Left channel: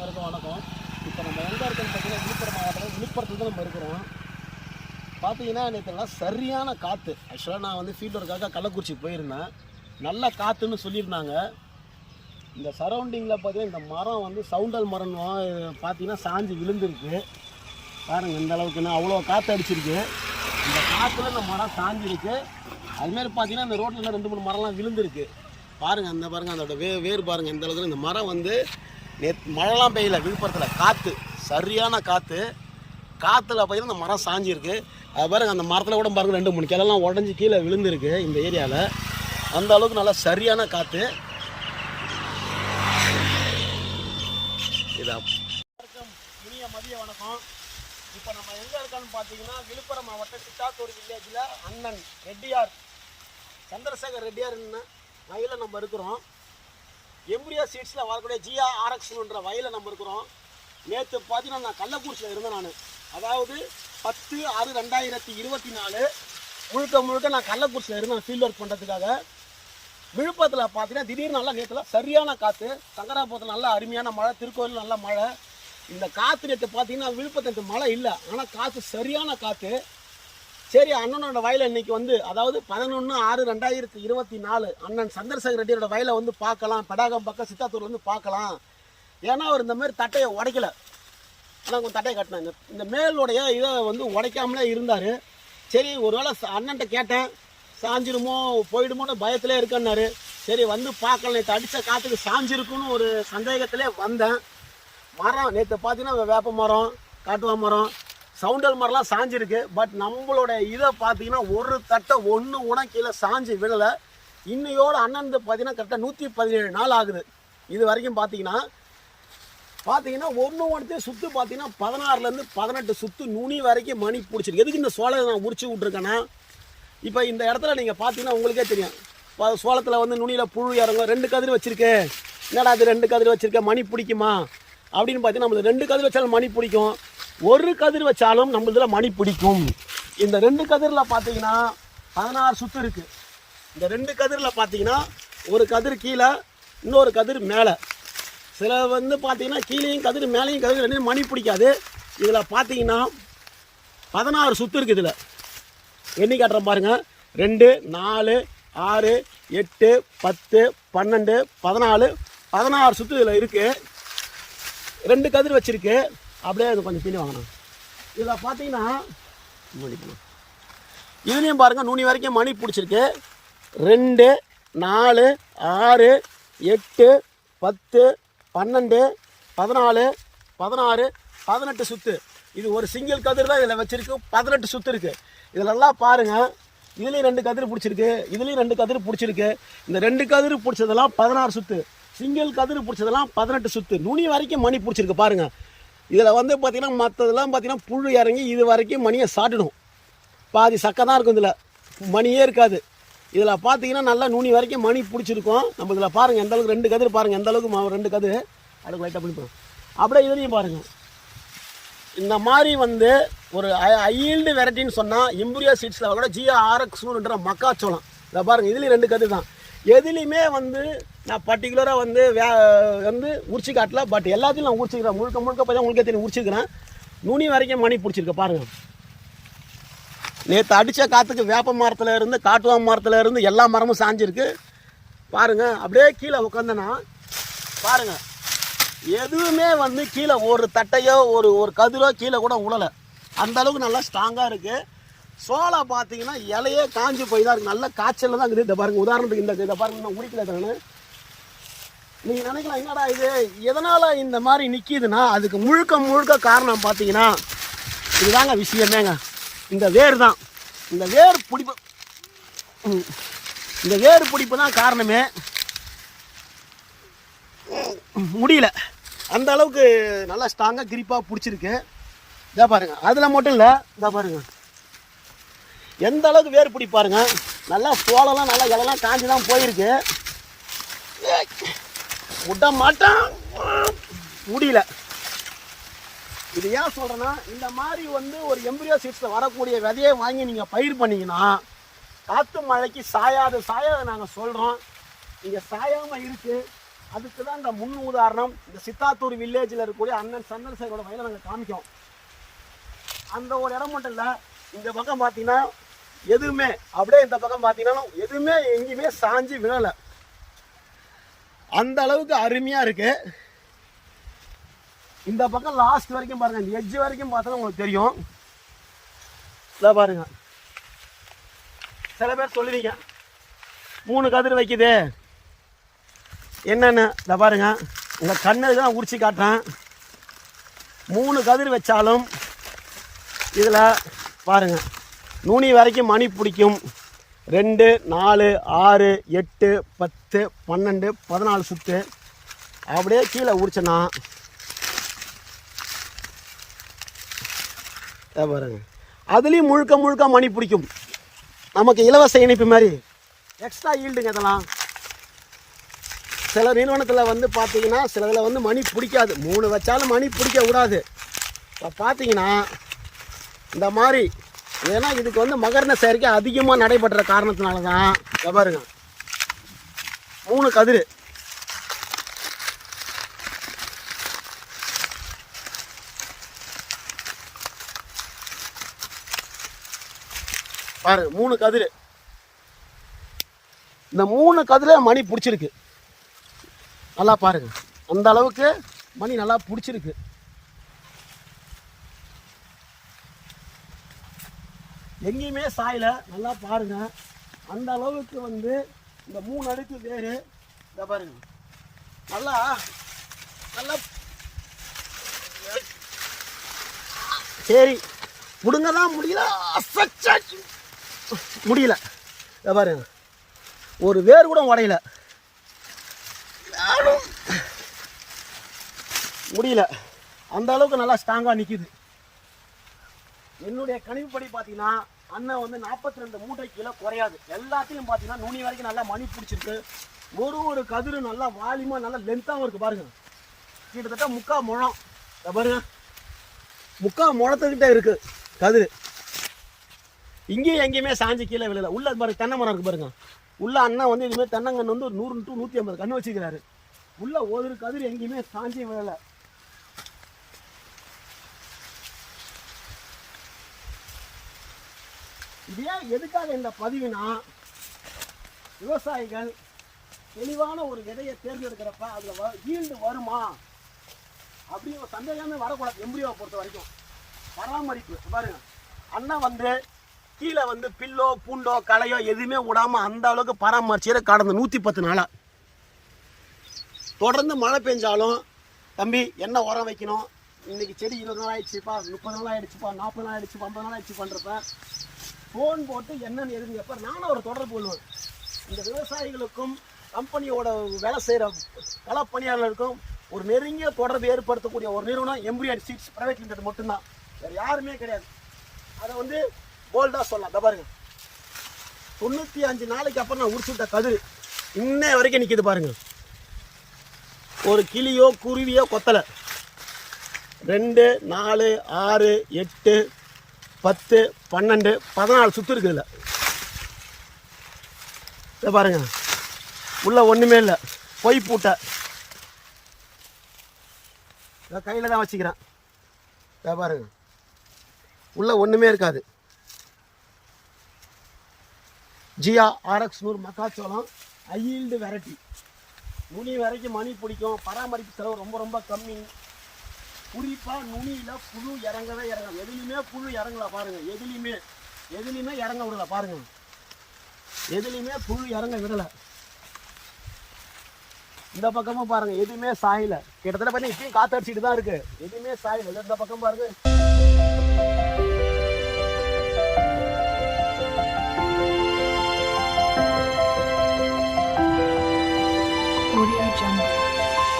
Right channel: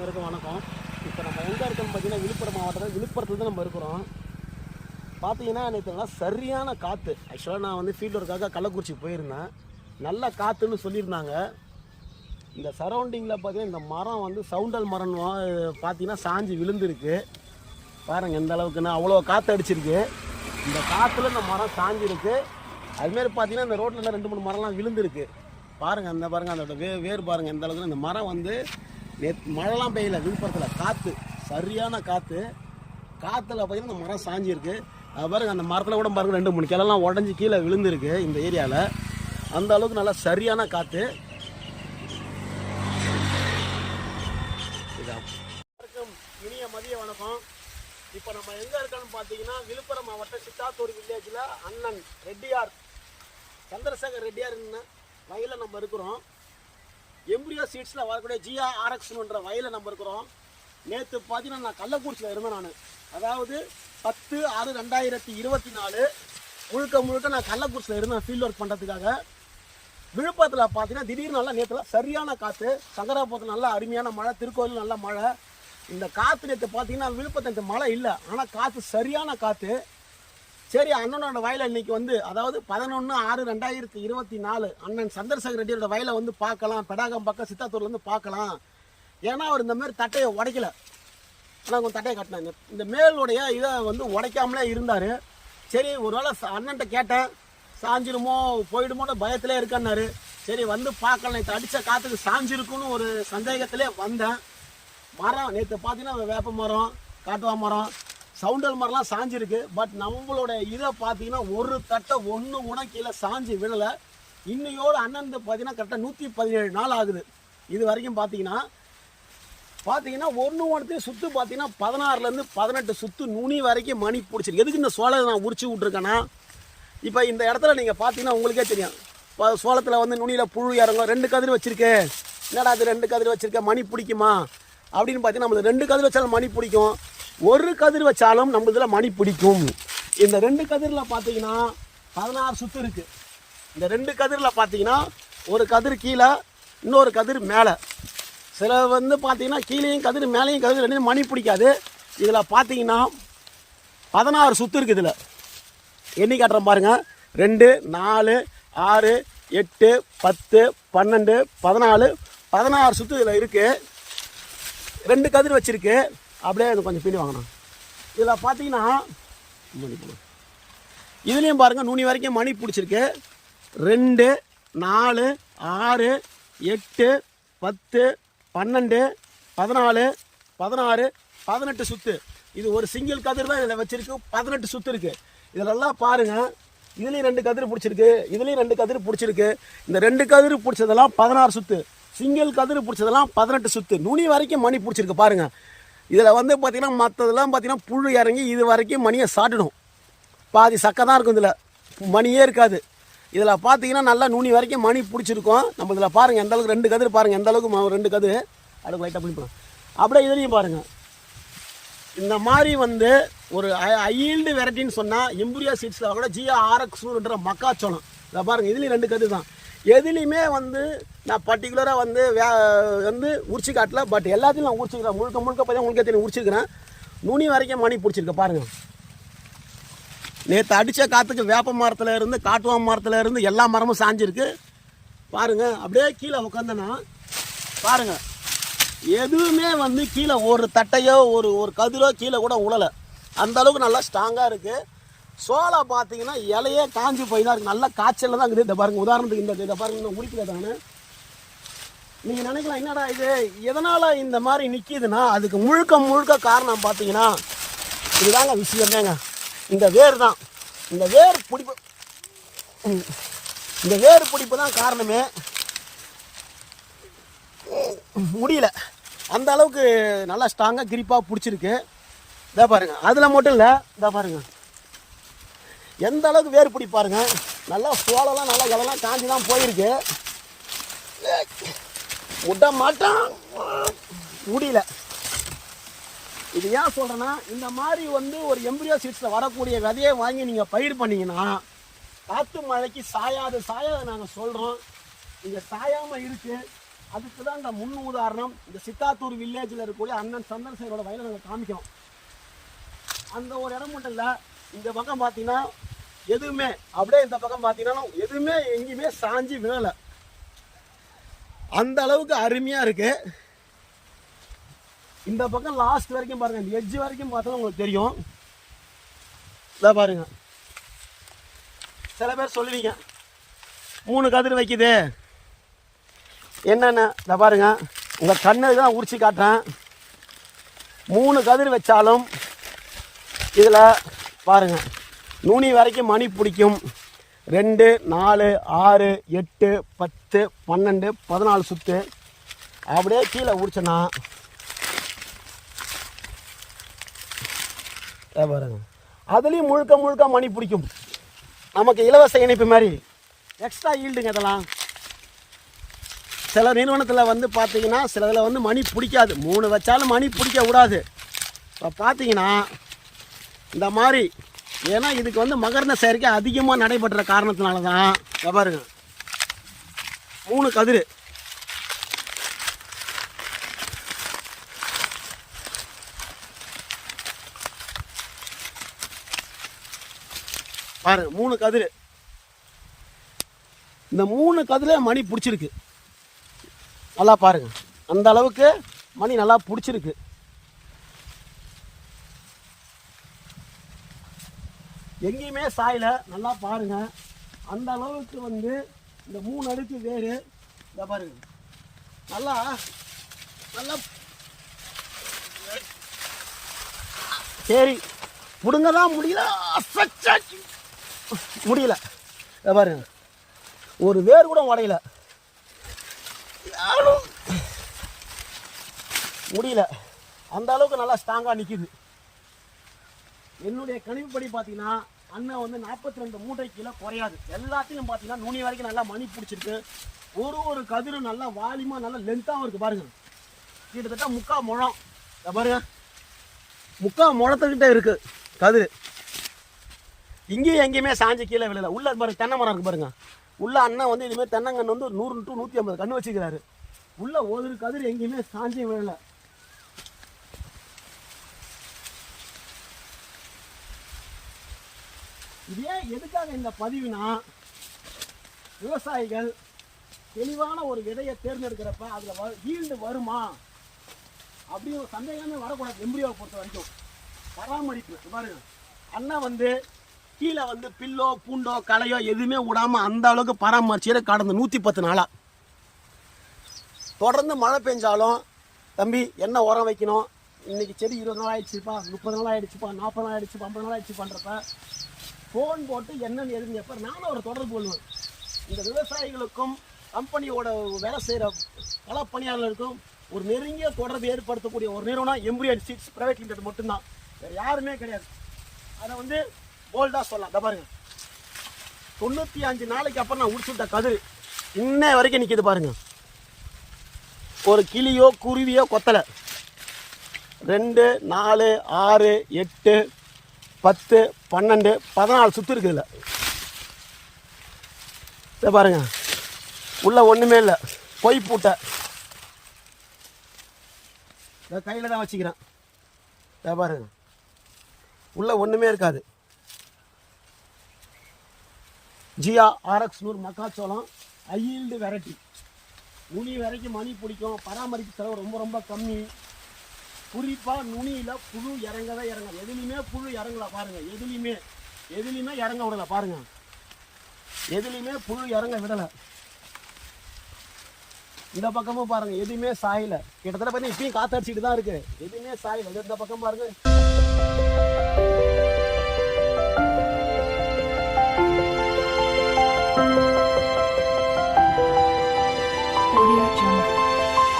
அனைவருக்கும் வணக்கம். இப்போ நம்ம எங்கே இருக்கோம்னு பார்த்தீங்கன்னா விழுப்புரம் மாவட்டத்தில் விழுப்புரத்தில் தான் நம்ம இருக்கிறோம். பார்த்தீங்கன்னா எனக்கு சரியான காற்று. ஆக்சுவலாக நான் வந்து ஃபீல்டருக்காக கள்ளக்குறிச்சி போயிருந்தேன். நல்ல காற்றுன்னு சொல்லியிருந்தாங்க. இந்த சரௌண்டிங்கில் பார்த்தீங்கன்னா இந்த மரம் வந்து சவுண்டல் மரம் பார்த்தீங்கன்னா சாஞ்சு விழுந்துருக்கு பாருங்கள். இந்த அளவுக்குன்னா அவ்வளோ காற்று அடிச்சிருக்கு. இந்த காற்றுல இந்த மரம் சாஞ்சிருக்கு. அதுமாரி பார்த்தீங்கன்னா இந்த ரோட்டில் 2-3 மரம்லாம் விழுந்துருக்கு பாருங்கள். அந்த பாருங்கள் அதோட வேறு பாருங்கள் எந்த அளவுக்கு. இந்த மரம் வந்து மழைலாம் பெய்யல விழுப்புரத்தில், காற்று சரியான காற்று. காற்றுல பார்த்தீங்கன்னா இந்த மரம் சாஞ்சிருக்கு. அது பாருங்கள் அந்த மரத்தில் கூட பாருங்கள் 2-3 கிளைலாம் உடஞ்சி கீழே விழுந்துருக்கு இந்த ஏரியாவில். அந்த அளவுக்கு நல்லா சரியான காற்று. இதான் இனிய மதிய வணக்கம். இப்போ நம்ம எங்கே இருக்கோன்னு பார்த்தீங்கன்னா விழுப்புரம் மாவட்டம் சித்தாத்தூர் வில்லேஜில் அண்ணன் ரெட்டியார் சந்திரசேகர் ரெட்டியார்னு வயலில் நம்ம இருக்கிறோம். எம்பரியோ சீட்ஸில் வரக்கூடிய GRX வயலில் நம்ம இருக்கிறோம். நேற்று பார்த்தீங்கன்னா நான் கள்ளக்குறிச்சியில் இருந்தேன். நான் அதாவது 10/6/2024 முழுக்க நான் கள்ளக்குறிச்சியில் இருந்தேன் ஃபீல்ட் ஒர்க் பண்ணுறதுக்காக. விழுப்புரத்தில் பார்த்தீங்கன்னா திடீர்னு நல்லா நேற்றுல சரியான காற்று. சங்கராபுரத்தில் நல்லா அருமையான மழை, திருக்கோயில் நல்ல மழை. இந்த காற்று நேற்று பார்த்தீங்கன்னா விழுப்புரத்துக்கு மழை இல்லை, ஆனால் காற்று சரியான காற்று. சரி, அண்ணனோட வயலை இன்னைக்கு வந்து அதாவது 11/6/2024 அண்ணன் சந்திரசேகர் ரெட்டியோட வயலை வந்து பார்க்கலாம். பெடாகம் பக்கம் சித்தாத்தூர்லேருந்து பார்க்கலாம். ஏன்னா அவர் இந்த மாதிரி தட்டையை உடைக்கல. ஆனால் கொஞ்சம் தட்டையை கட்டினாங்க. இந்த மேலுடைய இதை வந்து உடைக்காமலே இருந்தார். சரி, ஒருவேளை அண்ணன்ட்ட கேட்டேன் சாஞ்சிருமோ போயிடுமோன்னு பயத்திலே இருக்கன்னாரு. சரி வந்து பார்க்கலாம். நேற்று அடித்த காற்றுக்கு சாஞ்சிருக்குன்னு ஒரு சந்தேகத்திலே வந்தேன். மரம் நேற்று பார்த்தீங்கன்னா வேப்ப மரம், காட்டுவா மரம், சவுண்டல் மரம்லாம் சாஞ்சிருக்கு. பட் நம்மளோட இதை பார்த்தீங்கன்னா ஒரு தட்டை ஒன்று கூட கீழே சாஞ்சி விழலை. இன்னையோட அண்ணன் பார்த்தீங்கன்னா கரெக்டாக 117 நாள் ஆகுது. இது வரைக்கும் பார்த்தீங்கன்னா ஒன்றுத்தையும் சுற்று பார்த்தீங்கன்னா 16லேருந்து 18 சுற்று நுனி வரைக்கும் மணி பிடிச்சிருக்கு. எதுக்கு இந்த சோளத்தை நான் உரிச்சு விட்ருக்கேன்னா, இப்போ இந்த இடத்துல நீங்கள் பார்த்தீங்கன்னா உங்களுக்கே தெரியும். இப்போ சோளத்தில் வந்து நுனியில் புழு இறங்கும். 2 கதிர் வச்சுருக்கேன். என்னடா அது 2 கதிர் வச்சுருக்கேன், மணி பிடிக்குமா அப்படின்னு பார்த்தீங்கன்னா நம்மளுக்கு 2 கதிர் வச்சாலும் மணி பிடிக்கும், 1 கதிர் வச்சாலும் நம்மளதுல மணி பிடிக்கும். இந்த 2 கதிரில் பார்த்தீங்கன்னா 16 சுற்று இருக்குது. இந்த 2 கதிரில் பார்த்தீங்கன்னா ஒரு கதிர் கீழே, இன்னொரு கதிர் மேலே. சில வந்து பார்த்தீங்கன்னா கீழேயும் கதிர் மேலேயும் கதிர் 2 மணி பிடிக்காது. இதில் பார்த்தீங்கன்னா 16 சுற்று இருக்குது. இதில் எண்ணி காட்டுறேன் பாருங்கள். 2, 4, 6, 8, 10, 12, 14, 16 சுற்று இதில் இருக்குது. 2 கதிர் வச்சுருக்கு. அப்படியே அது கொஞ்சம் பின்னி வாங்கணும். இதில் பார்த்தீங்கன்னா இதுலேயும் பாருங்கள் நுனி வரைக்கும் மணி பிடிச்சிருக்கு. 2, 4, 6, 8, 10, 12, 14, 16, 18 சுற்று. இது ஒரு சிங்கிள் கதிர் தான் இதில் வச்சுருக்கு. 18 சுற்று இருக்குது. இதிலெல்லாம் பாருங்கள். இதுலேயும் 2 கதிர் பிடிச்சிருக்கு, இதுலேயும் 2 கதிர் பிடிச்சிருக்கு. இந்த 2 கதிர் பிடிச்சதெல்லாம் 16 சுற்று, சிங்கிள் கதிர் பிடிச்சதெல்லாம் 18 சுற்று. நுனி வரைக்கும் மணி பிடிச்சிருக்கு பாருங்கள். இதில் வந்து பார்த்தீங்கன்னா மற்றதெல்லாம் பார்த்தீங்கன்னா புழு இறங்கி இது வரைக்கும் மணியை சாட்டிடும். பாதி சக்கை தான் இருக்கும், இதில் மணியே இருக்காது. இதில் பார்த்தீங்கன்னா நல்லா நுனி வரைக்கும் மணி பிடிச்சிருக்கோம். நம்ம இதில் பாருங்கள் எந்த அளவுக்கு 2 கதிர் பாருங்கள், எந்த அளவுக்கு 2 கதிர் அதுக்கு லைட்டாக பிடிப்போம். அப்படியே இதுலேயும் பாருங்கள். இந்த மாதிரி வந்து ஒரு ஐல்டு வெரைட்டின்னு சொன்னால் எம்பரியோ சீட்ஸில் கூட GRX மக்காச்சோளம். இதை பாருங்கள், இதுலேயும் 2 கதிர் தான். எதுலேயுமே வந்து நான் பர்டிகுலராக வந்து உரிச்சு காட்டல. பட் எல்லாத்தையும் நான் உரிச்சிக்கிறேன். முழுக்க பார்த்தா உங்களுக்கே தெரியும் உரிச்சிக்கிறேன். நுனி வரைக்கும் மணி பிடிச்சிருக்கு பாருங்கள். நேற்று அடித்த காற்றுக்கு வேப்ப மரத்தில் இருந்து காட்டுவா மரத்தில் இருந்து எல்லா மரமும் சாஞ்சிருக்கு பாருங்கள். அப்படியே கீழே உட்காந்தனா பாருங்கள், எதுவுமே வந்து கீழே ஒரு தட்டையோ ஒரு கதிரோ கீழே கூட உழலை. அந்த அளவுக்கு நல்லா ஸ்ட்ராங்காக இருக்குது. சோளம் பார்த்தீங்கன்னா இலையே காஞ்சி போய் தான் இருக்குது. நல்லா காய்ச்சலில் தான் இருக்குது. இதை பாருங்கள், உதாரணத்துக்கு இதை பாருங்கள், நான் உரிக்கல தானே. நீங்கள் நினைக்கலாம் என்னடா இது எதனால் இந்த மாதிரி நிற்கிதுன்னா அதுக்கு முழுக்க காரணம் பார்த்தீங்கன்னா இதுதாங்க விஷயமேங்க. இந்த வேர் தான். இந்த வேர் பிடிப்பு தான் காரணமே. முடியல, அந்த அளவுக்கு நல்லா ஸ்ட்ராங்காக கிரிப்பாக பிடிச்சிருக்கு. இதை பாருங்கள். அதில் மட்டும் இல்லை, இதை பாருங்கள் எந்த அளவுக்கு வேர் பிடி பாருங்க. நல்லா சோளம்லாம் நல்லா இலெல்லாம் காஞ்சி தான் போயிருக்கு. விட மாட்டேன், முடியல. இது ஏன் சொல்கிறேன்னா, இந்த மாதிரி வந்து ஒரு எம்பரியோ சீட்ஸில் வரக்கூடிய விதையை வாங்கி நீங்கள் பயிர் பண்ணிங்கன்னா காற்று மழைக்கு சாயாது நாங்கள் சொல்கிறோம். இங்கே சாயாமல் இருக்குது. அதுக்கு தான் இந்த முன் உதாரணம். இந்த சித்தாத்தூர் வில்லேஜில் இருக்கக்கூடிய அண்ணன் சந்திரசேகரோட வயலை நாங்கள் காமிக்கோம். அந்த ஒரு இடம் மட்டும் இல்லை, இந்த பக்கம் பார்த்தீங்கன்னா எதுவுமே அப்படியே, இந்த பக்கம் பார்த்தீங்கன்னா எதுவுமே எங்கேயுமே சாஞ்சி விழலை. அந்த அளவுக்கு அருமையாக இருக்கு. இந்த பக்கம் லாஸ்ட் வரைக்கும் பாருங்க, இந்த எட்ஜ் வரைக்கும் பார்த்தா உங்களுக்கு தெரியும். இதை பாருங்க, சில பேர் சொல்லுவீங்க 3 கதிர் வைக்குது என்னென்னு. இதை பாருங்க, உங்கள் கண்ணு தான் உரிச்சு காட்டுறேன். 3 கதிர் வச்சாலும் இதில் பாருங்க நுனி வரைக்கும் மணி பிடிக்கும். 2, 4, 6, 8, 10, 12, 14 சுத்து அப்படியே கீழே உரிச்சனா பாருங்க, அதுலேயும் முழுக்க முழுக்க மணி பிடிக்கும். நமக்கு இலவச இணைப்பு மாதிரி எக்ஸ்ட்ரா ஈல்டுங்க. இதெல்லாம் சில நிறுவனத்தில் வந்து பார்த்தீங்கன்னா சில இதில் வந்து மணி பிடிக்காது, 3 வச்சாலும் மணி பிடிக்க விடாது. இப்போ பார்த்தீங்கன்னா இந்த மாதிரி, ஏன்னா இதுக்கு வந்து மகரண சேர்க்கை அதிகமாக நடைபெற்ற காரணத்தினால தான் பாருங்க 3 கதிர். பாருங்க 3 கதிர். இந்த 3 கதிர மணி பிடிச்சிருக்கு. நல்லா பாருங்க, அந்த அளவுக்கு மணி நல்லா பிடிச்சிருக்கு. எங்கேயுமே சாயில, நல்லா பாருங்க. அந்த அளவுக்கு வந்து இந்த 3 அடுக்கு வேறு. இதை பாருங்க, நல்லா நல்லா சரி முடுங்க தான் முடியல, முடியல. இதை பாருங்க, ஒரு வேர் கூட உடையல, முடியல. அந்த அளவுக்கு நல்லா ஸ்ட்ராங்காக நிற்கிது. என்னுடைய கணிப்புப்படி பார்த்தீங்கன்னா அண்ணன் வந்து 42 மூட்டை கீழே குறையாது. எல்லாத்தையும் பார்த்தீங்கன்னா நுனி வரைக்கும் நல்லா மணி பிடிச்சிருக்கு. ஒரு கதிரும் நல்லா வாலியமாக நல்லா லென்த்தாகவும் இருக்குது. பாருங்க, கிட்டத்தட்ட 3/4 முழம். பாருங்க, 3/4 முழத்துக்கிட்ட இருக்குது கதிர். இங்கேயும் எங்கேயுமே சாஞ்சி கீழே விழல. உள்ள பாருங்க தென்னை மரம் இருக்குது பாருங்க. உள்ள அண்ணன் வந்து இதுமாதிரி தென்னங்கன்று வந்து 100 to 150 கன்று வச்சுக்கிறாரு. உள்ள ஒரு கதிர் எங்கேயுமே சாஞ்சி விழலை. இதே எதுக்காக இந்த பதிவுனா, விவசாயிகள் தெளிவான ஒரு விதையை தேர்ந்தெடுக்கிறப்ப அதில் ஈல்டு வருமா அப்படின்னு ஒரு சந்தேகமே வரக்கூடாது. எம்பிரியோவை பொறுத்த வரைக்கும் பராமரிப்பு பாருங்க, அண்ணன் வந்து கீழே வந்து பில்லோ பூண்டோ களையோ எதுவுமே விடாமல் அந்த அளவுக்கு பராமரிச்சு கடந்த 110 நாளாக. தொடர்ந்து மழை பெஞ்சாலும் தம்பி என்ன உரம் வைக்கணும், இன்னைக்கு செடி 20 நாள் ஆயிடுச்சுப்பா, 30 நாள் ஆயிடுச்சுப்பா, 40 நாள் ஆயிடுச்சு, 50 நாள் ஆயிடுச்சு பண்ணுறப்ப ஃபோன் போட்டு என்னன்னு எதுன்னு எப்போ நானும் அவரை தொடர்பு கொள்வேன். இந்த விவசாயிகளுக்கும் கம்பெனியோட வேலை செய்கிற களப்பணியாளர்களுக்கும் ஒரு நெருங்கிய தொடர்பு ஏற்படுத்தக்கூடிய ஒரு நிறுவனம் எம்பிரியோ சீட்ஸ் பிரைவேட் லிமிடெட் மட்டும்தான், வேறு யாருமே கிடையாது. அதை வந்து போல்டாக சொல்லலாம். இதை பாருங்க, 95 நாளைக்கு அப்புறம் நான் உடிச்சுட்ட கதிர் இன்ன வரைக்கும் நிற்கிது பாருங்க. ஒரு கிளியோ குருவியோ கொத்தலை. 2, 4, 6, 8, 10, 12, 14 சுற்று இருக்குதுல்ல. இதை பாருங்க, உள்ள ஒன்றுமே இல்லை, பொய் பூட்டை. இதை கையில் தான் வச்சுக்கிறேன். இதை பாருங்க, உள்ள ஒன்றுமே இருக்காது. ஜியா RX 100 மக்காச்சோளம் ஐல்டு வெரைட்டி. நுனி வரைக்கும் மணி பிடிக்கும். பராமரிப்பு செலவு ரொம்ப ரொம்ப கம்மி. குறிப்பாக நுனியில் புழு இறங்கவே இறங்காது. எதுலையுமே புழு இறங்கல பாருங்கள். எதுலையுமே இறங்க விடலை பாருங்கள். எதுலையுமே புழு இறங்க விடலை. இந்த பக்கமும் பாருங்கள், எதுவுமே சாயலை. கிட்டத்தட்ட பார்த்தீங்கன்னா இப்பயும் காற்று அடிச்சுட்டு தான் இருக்குது. எதுவுமே சாயலை. இந்த பக்கம் பாருங்கள்.